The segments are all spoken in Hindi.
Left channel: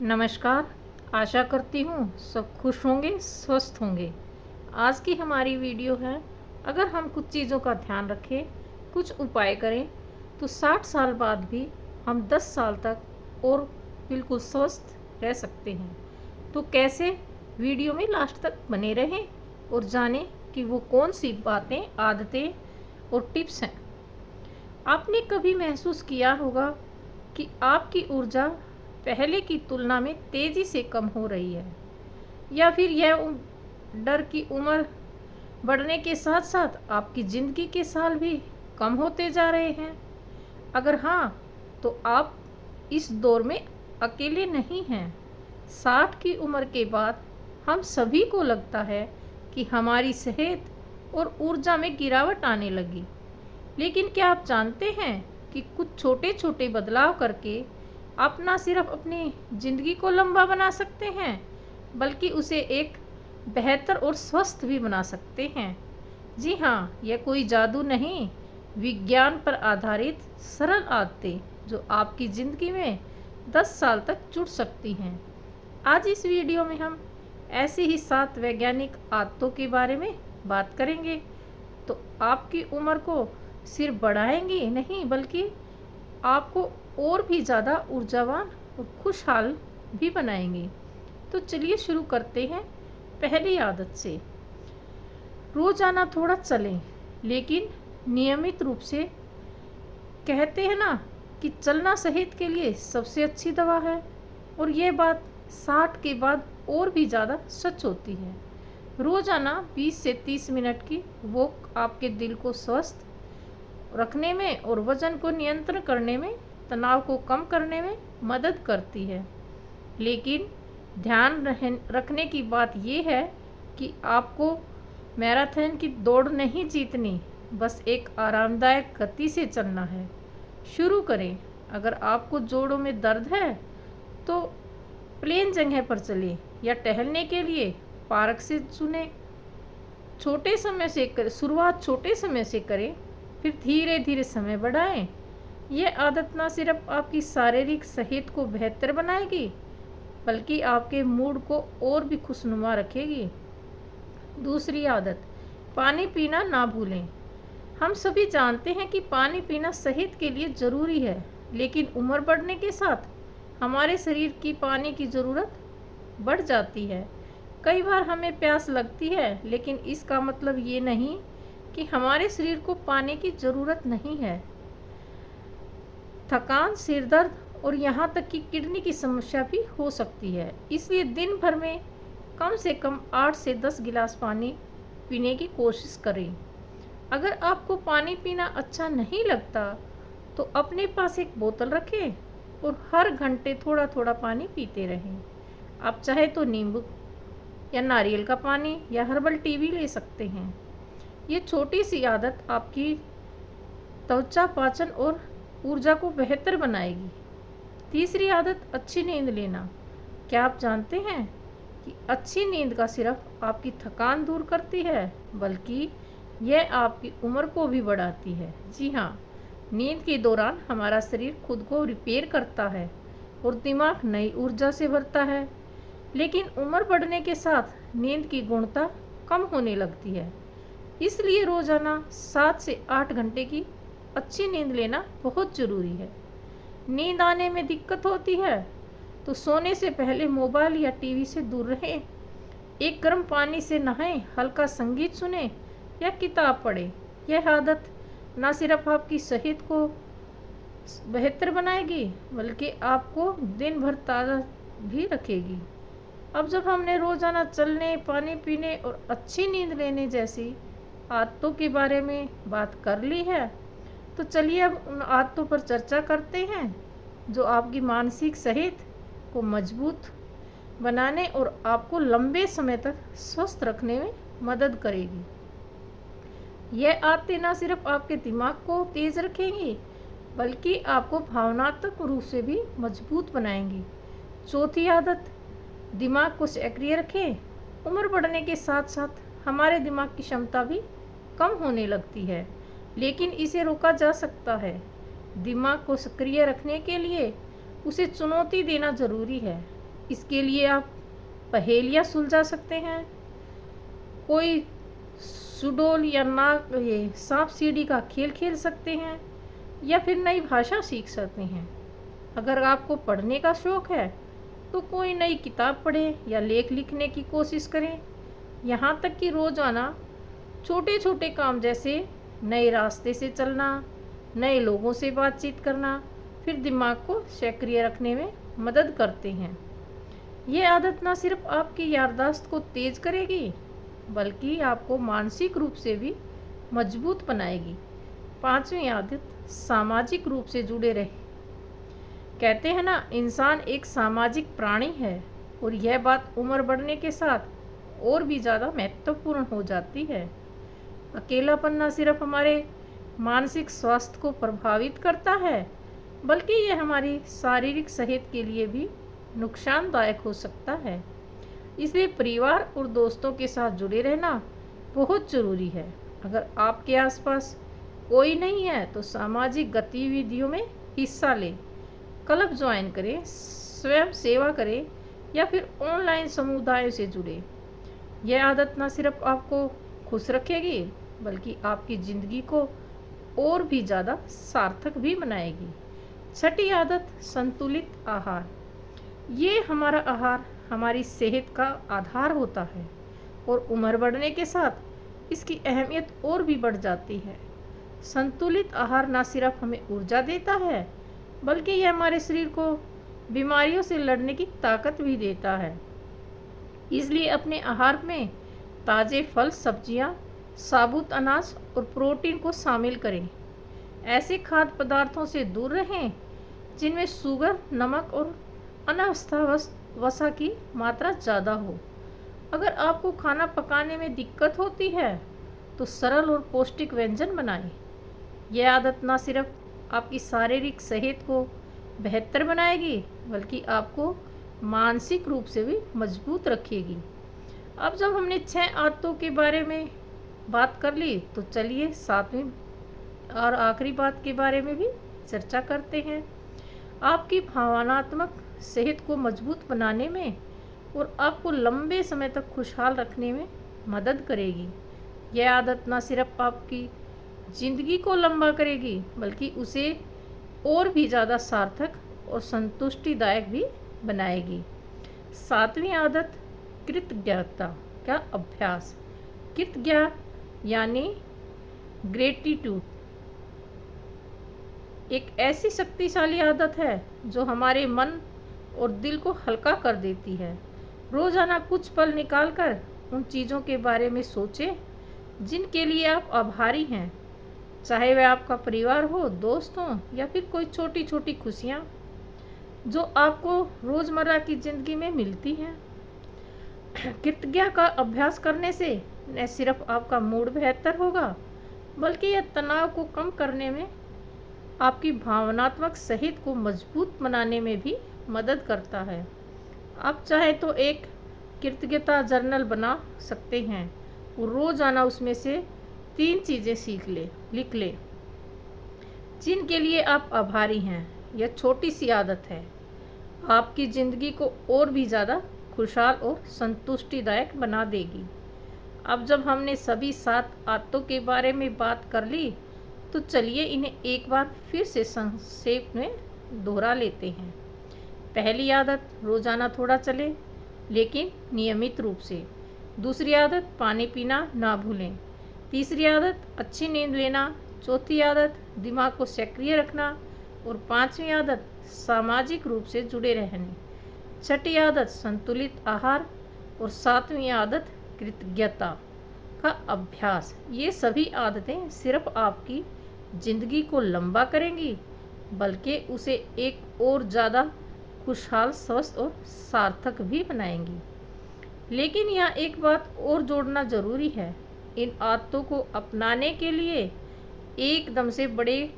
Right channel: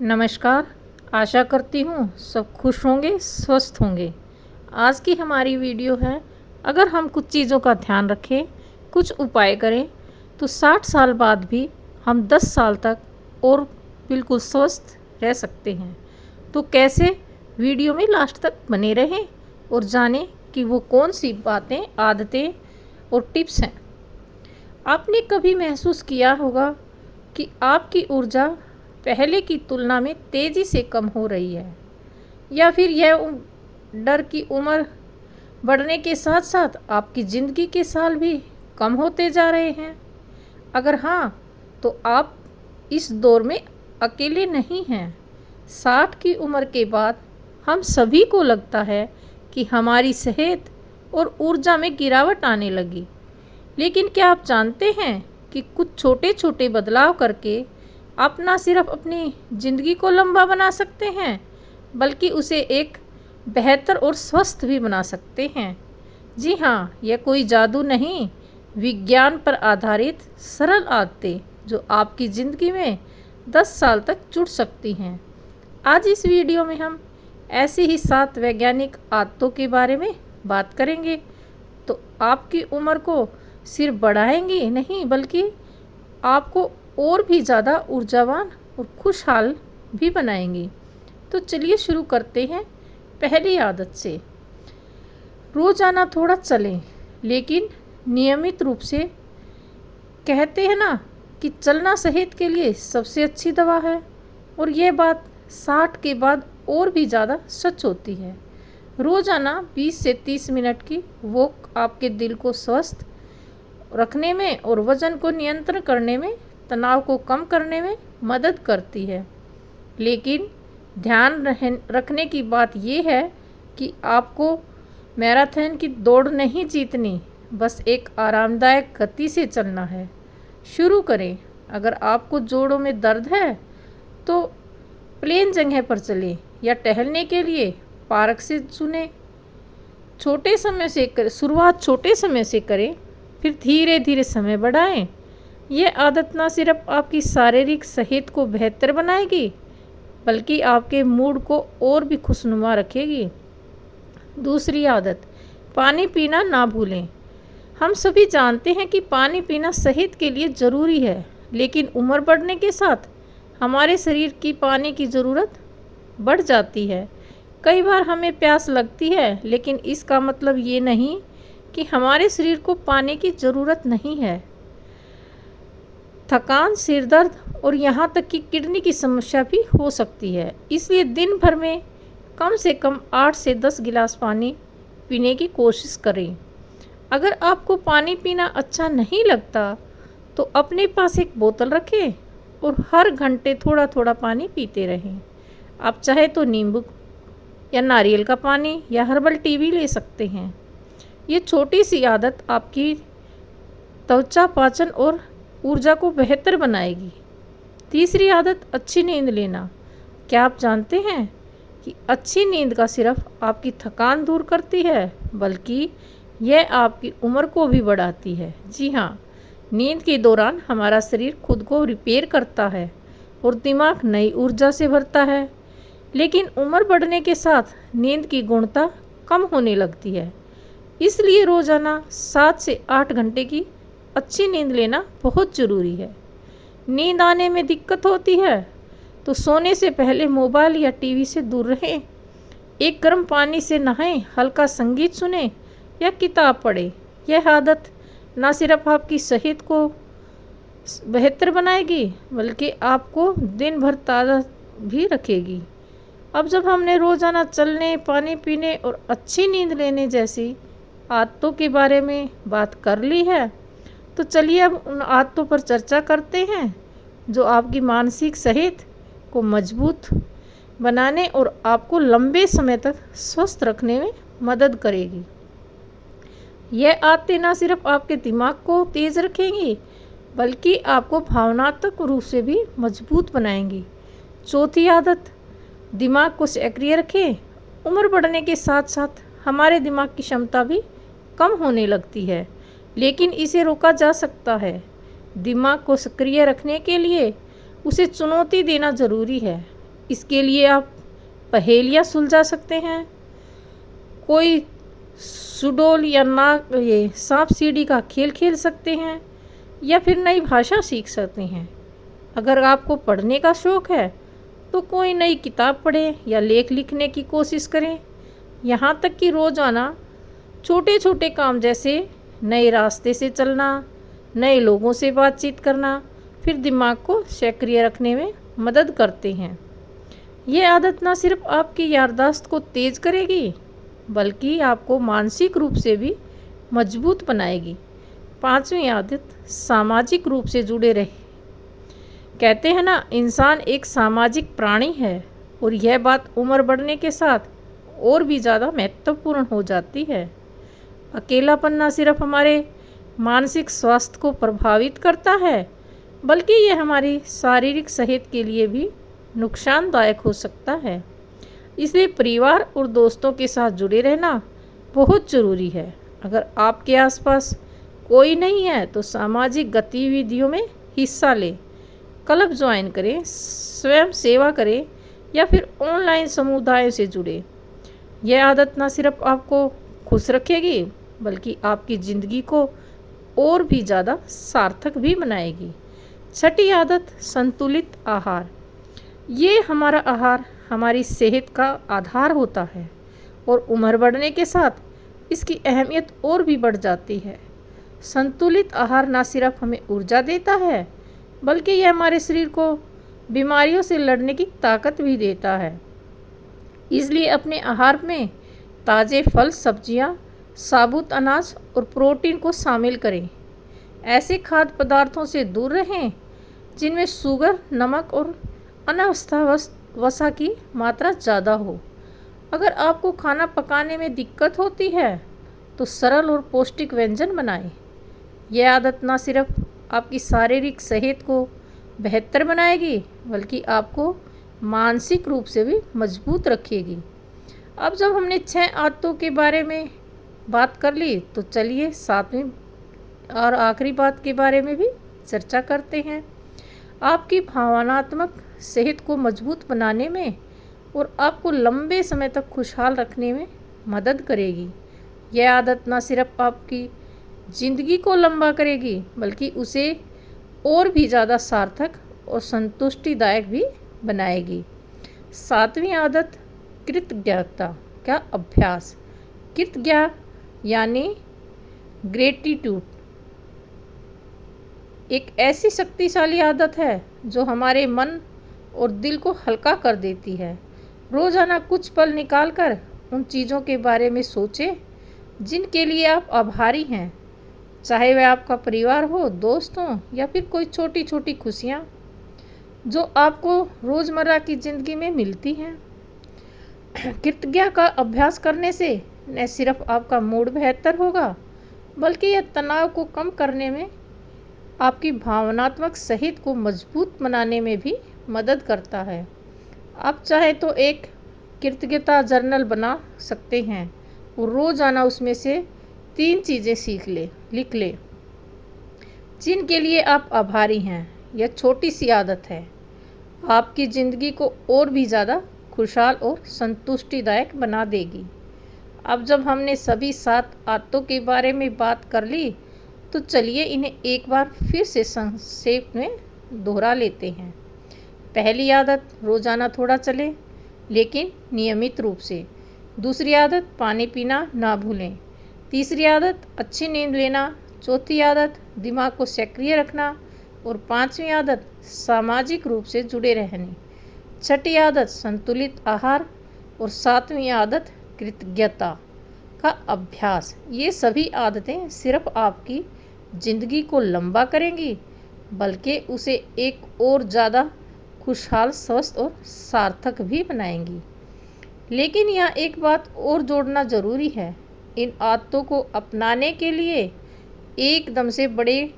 नमस्कार। आशा करती हूँ सब खुश होंगे, स्वस्थ होंगे। आज की हमारी वीडियो है, अगर हम कुछ चीज़ों का ध्यान रखें, कुछ उपाय करें, तो 60 साल बाद भी हम 10 साल तक और बिल्कुल स्वस्थ रह सकते हैं। तो कैसे? वीडियो में लास्ट तक बने रहें और जानें कि वो कौन सी बातें, आदतें और टिप्स हैं। आपने कभी महसूस किया होगा कि आपकी ऊर्जा पहले की तुलना में तेज़ी से कम हो रही है, या फिर यह डर की उम्र बढ़ने के साथ साथ आपकी ज़िंदगी के साल भी कम होते जा रहे हैं। अगर हाँ, तो आप इस दौर में अकेले नहीं हैं। 60 की उम्र के बाद हम सभी को लगता है कि हमारी सेहत और ऊर्जा में गिरावट आने लगी। लेकिन क्या आप जानते हैं कि कुछ छोटे छोटे बदलाव करके आप ना सिर्फ अपनी ज़िंदगी को लंबा बना सकते हैं, बल्कि उसे एक बेहतर और स्वस्थ भी बना सकते हैं। जी हाँ, यह कोई जादू नहीं, विज्ञान पर आधारित सरल आदतें जो आपकी ज़िंदगी में 10 साल तक जुड़ सकती हैं। आज इस वीडियो में हम ऐसी ही 7 वैज्ञानिक आदतों के बारे में बात करेंगे, तो आपकी उम्र को सिर्फ बढ़ाएंगी नहीं, बल्कि आपको और भी ज़्यादा ऊर्जावान और खुशहाल भी बनाएंगी। तो चलिए शुरू करते हैं पहली आदत से। रोज़ाना थोड़ा चलें, लेकिन नियमित रूप से। कहते हैं ना कि चलना सेहत के लिए सबसे अच्छी दवा है, और ये बात 60 के बाद और भी ज़्यादा सच होती है। रोज़ाना 20 से 30 मिनट की वॉक आपके दिल को स्वस्थ रखने में और वज़न को नियंत्रण करने में, तनाव को कम करने में मदद करती है। लेकिन ध्यान रखने की बात यह है कि आपको मैराथन की दौड़ नहीं जीतनी, बस एक आरामदायक गति से चलना है। शुरू करें। अगर आपको जोड़ों में दर्द है तो प्लेन जगह पर चलें, या टहलने के लिए पार्क से चुनें। शुरुआत छोटे समय से करें, फिर धीरे धीरे समय बढ़ाएं। यह आदत न सिर्फ आपकी शारीरिक सेहत को बेहतर बनाएगी, बल्कि आपके मूड को और भी खुशनुमा रखेगी। दूसरी आदत, पानी पीना ना भूलें। हम सभी जानते हैं कि पानी पीना सेहत के लिए ज़रूरी है, लेकिन उम्र बढ़ने के साथ हमारे शरीर की पानी की ज़रूरत बढ़ जाती है। कई बार हमें प्यास लगती है, लेकिन इसका मतलब ये नहीं कि हमारे शरीर को पानी की ज़रूरत नहीं है। थकान, सिर दर्द और यहाँ तक कि किडनी की समस्या भी हो सकती है। इसलिए दिन भर में कम से कम 8 से 10 गिलास पानी पीने की कोशिश करें। अगर आपको पानी पीना अच्छा नहीं लगता, तो अपने पास एक बोतल रखें और हर घंटे थोड़ा थोड़ा पानी पीते रहें। आप चाहे तो नींबू या नारियल का पानी या हर्बल टी भी ले सकते हैं। ये छोटी सी आदत आपकी त्वचा, पाचन और ऊर्जा को बेहतर बनाएगी। तीसरी आदत, अच्छी नींद लेना। क्या आप जानते हैं कि अच्छी नींद का सिर्फ आपकी थकान दूर करती है, बल्कि यह आपकी उम्र को भी बढ़ाती है। जी हाँ, नींद के दौरान हमारा शरीर खुद को रिपेयर करता है और दिमाग नई ऊर्जा से भरता है। लेकिन उम्र बढ़ने के साथ नींद की गुणवत्ता कम होने लगती है। इसलिए रोज़ाना 7 से 8 घंटे की अच्छी नींद लेना बहुत ज़रूरी है। नींद आने में दिक्कत होती है तो सोने से पहले मोबाइल या टीवी से दूर रहें। एक गर्म पानी से नहाएं, हल्का संगीत सुनें या किताब पढ़ें। यह आदत न सिर्फ आपकी सेहत को बेहतर बनाएगी, बल्कि आपको दिन भर ताज़ा भी रखेगी। अब जब हमने रोज़ाना चलने, पानी पीने और अच्छी नींद लेने जैसी आदतों के बारे में बात कर ली है, तो चलिए अब उन आदतों पर चर्चा करते हैं जो आपकी मानसिक सेहत को मजबूत बनाने और आपको लंबे समय तक स्वस्थ रखने में मदद करेगी। यह आदतें न सिर्फ आपके दिमाग को तेज रखेंगी, बल्कि आपको भावनात्मक रूप से भी मजबूत बनाएंगी। चौथी आदत, दिमाग को सक्रिय रखें। उम्र बढ़ने के साथ साथ हमारे दिमाग की क्षमता भी कम होने लगती है, लेकिन इसे रोका जा सकता है। दिमाग को सक्रिय रखने के लिए उसे चुनौती देना ज़रूरी है। इसके लिए आप पहेलियाँ सुलझा सकते हैं, कोई सुडोल या ना ये सांप सीढ़ी का खेल खेल सकते हैं, या फिर नई भाषा सीख सकते हैं। अगर आपको पढ़ने का शौक़ है तो कोई नई किताब पढ़ें या लेख लिखने की कोशिश करें। यहाँ तक कि रोज़ाना छोटे छोटे काम जैसे नए रास्ते से चलना, नए लोगों से बातचीत करना, फिर दिमाग को सक्रिय रखने में मदद करते हैं। ये आदत न सिर्फ आपकी याददाश्त को तेज़ करेगी बल्कि आपको मानसिक रूप से भी मजबूत बनाएगी। 5वीं आदत, सामाजिक रूप से जुड़े रहे। कहते हैं ना, इंसान एक सामाजिक प्राणी है और यह बात उम्र बढ़ने के साथ और भी ज़्यादा महत्वपूर्ण हो जाती है। अकेलापन न सिर्फ हमारे मानसिक स्वास्थ्य को प्रभावित करता है बल्कि यह हमारी शारीरिक सेहत के लिए भी नुकसानदायक हो सकता है। इसलिए परिवार और दोस्तों के साथ जुड़े रहना बहुत ज़रूरी है। अगर आपके आसपास कोई नहीं है तो सामाजिक गतिविधियों में हिस्सा लें, क्लब ज्वाइन करें, स्वयं सेवा करें या फिर ऑनलाइन समुदायों से जुड़े। यह आदत न सिर्फ आपको खुश रखेगी बल्कि आपकी ज़िंदगी को और भी ज़्यादा सार्थक भी बनाएगी। 6ठी आदत, संतुलित आहार। ये हमारा आहार हमारी सेहत का आधार होता है और उम्र बढ़ने के साथ इसकी अहमियत और भी बढ़ जाती है। संतुलित आहार न सिर्फ हमें ऊर्जा देता है बल्कि यह हमारे शरीर को बीमारियों से लड़ने की ताकत भी देता है। इसलिए अपने आहार में ताज़े फल, सब्जियां, साबुत अनाज और प्रोटीन को शामिल करें। ऐसे खाद्य पदार्थों से दूर रहें जिनमें शुगर, नमक और वसा की मात्रा ज़्यादा हो। अगर आपको खाना पकाने में दिक्कत होती है तो सरल और पौष्टिक व्यंजन बनाएं। यह आदत न सिर्फ आपकी शारीरिक सेहत को बेहतर बनाएगी बल्कि आपको मानसिक रूप से भी मजबूत रखेगी। अब जब हमने 6 आदतों के बारे में बात कर ली तो चलिए 7वीं और आखिरी बात के बारे में भी चर्चा करते हैं। आपकी भावनात्मक सेहत को मजबूत बनाने में और आपको लंबे समय तक खुशहाल रखने में मदद करेगी। यह आदत न सिर्फ आपकी ज़िंदगी को लंबा करेगी बल्कि उसे और भी ज़्यादा सार्थक और संतुष्टिदायक भी बनाएगी। 7वीं आदत, कृतज्ञता का अभ्यास। कृतज्ञता यानी ग्रेटिट्यूड एक ऐसी शक्तिशाली आदत है जो हमारे मन और दिल को हल्का कर देती है। रोज़ाना कुछ पल निकालकर उन चीज़ों के बारे में सोचें जिनके लिए आप आभारी हैं, चाहे वह आपका परिवार हो, दोस्त हो या फिर कोई छोटी छोटी खुशियाँ जो आपको रोज़मर्रा की ज़िंदगी में मिलती हैं। कृतज्ञता का अभ्यास करने से न सिर्फ आपका मूड बेहतर होगा बल्कि यह तनाव को कम करने में, आपकी भावनात्मक सेहत को मजबूत बनाने में भी मदद करता है। आप चाहे तो एक कृतज्ञता जर्नल बना सकते हैं और रोज़ाना उसमें से 3 चीज़ें लिख लें जिनके लिए आप आभारी हैं। यह छोटी सी आदत है आपकी ज़िंदगी को और भी ज़्यादा खुशहाल और संतुष्टिदायक बना देगी। अब जब हमने सभी 7 आदतों के बारे में बात कर ली तो चलिए इन्हें एक बार फिर से संक्षेप में दोहरा लेते हैं। पहली आदत, रोज़ाना थोड़ा चलें लेकिन नियमित रूप से। दूसरी आदत, पानी पीना ना भूलें। तीसरी आदत, अच्छी नींद लेना। चौथी आदत, दिमाग को सक्रिय रखना। और 5वीं आदत, सामाजिक रूप से जुड़े रहने। 6ठी आदत, संतुलित आहार। और 7वीं आदत, कृतज्ञता का अभ्यास। ये सभी आदतें सिर्फ आपकी ज़िंदगी को लंबा करेंगी बल्कि उसे एक और ज़्यादा खुशहाल, स्वस्थ और सार्थक भी बनाएंगी। लेकिन यहाँ एक बात और जोड़ना ज़रूरी है, इन आदतों को अपनाने के लिए एकदम से बड़े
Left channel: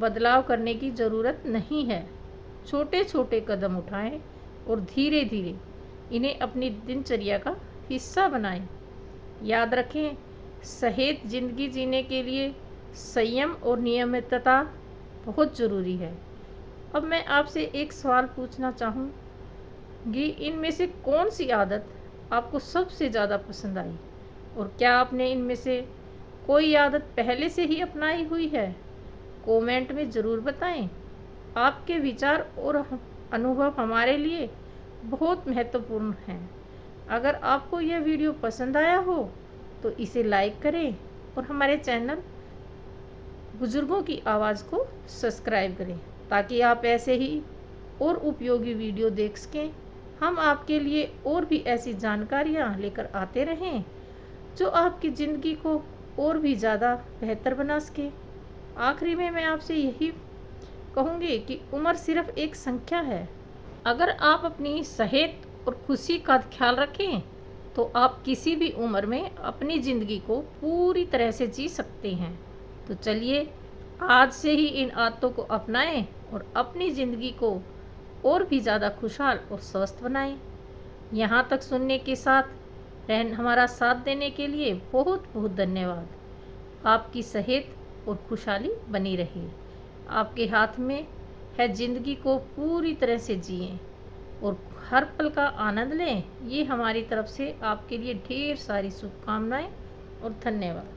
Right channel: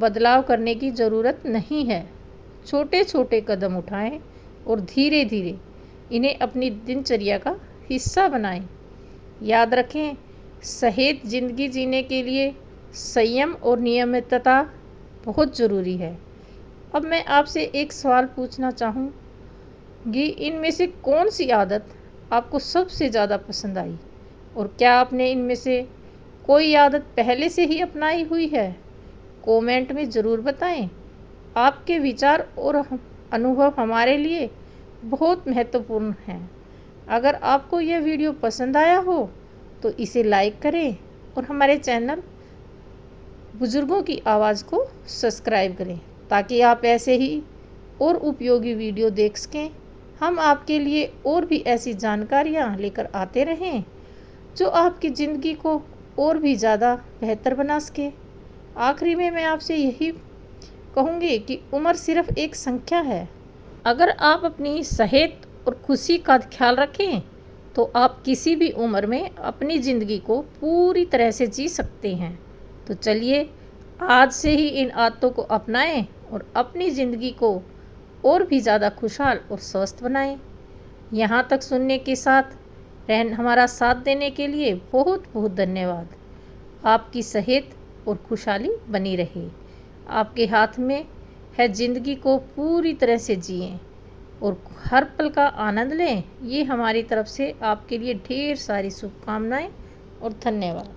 बदलाव करने की ज़रूरत नहीं है। छोटे छोटे कदम उठाएं और धीरे धीरे इन्हें अपनी दिनचर्या का हिस्सा बनाएं। याद रखें, सेहत ज़िंदगी जीने के लिए संयम और नियमितता बहुत ज़रूरी है। अब मैं आपसे एक सवाल पूछना चाहूँ, कि इनमें से कौन सी आदत आपको सबसे ज़्यादा पसंद आई और क्या आपने इनमें से कोई आदत पहले से ही अपनाई हुई है। कमेंट में ज़रूर बताएं। आपके विचार और अनुभव हमारे लिए बहुत महत्वपूर्ण हैं। अगर आपको यह वीडियो पसंद आया हो तो इसे लाइक करें और हमारे चैनल बुज़ुर्गों की आवाज़ को सब्सक्राइब करें ताकि आप ऐसे ही और उपयोगी वीडियो देख सकें। हम आपके लिए और भी ऐसी जानकारियाँ लेकर आते रहें जो आपकी ज़िंदगी को और भी ज़्यादा बेहतर बना सके। आखिरी में मैं आपसे यही कहूँगी कि उम्र सिर्फ एक संख्या है। अगर आप अपनी सेहत और खुशी का ख्याल रखें तो आप किसी भी उम्र में अपनी ज़िंदगी को पूरी तरह से जी सकते हैं। तो चलिए आज से ही इन आदतों को अपनाएं और अपनी ज़िंदगी को और भी ज़्यादा खुशहाल और स्वस्थ बनाएं। यहाँ तक सुनने के साथ हमारा साथ देने के लिए बहुत बहुत धन्यवाद। आपकी सेहत और खुशहाली बनी रहे। आपके हाथ में है, ज़िंदगी को पूरी तरह से जिएं और हर पल का आनंद लें। ये हमारी तरफ से आपके लिए ढेर सारी शुभकामनाएं और धन्यवाद।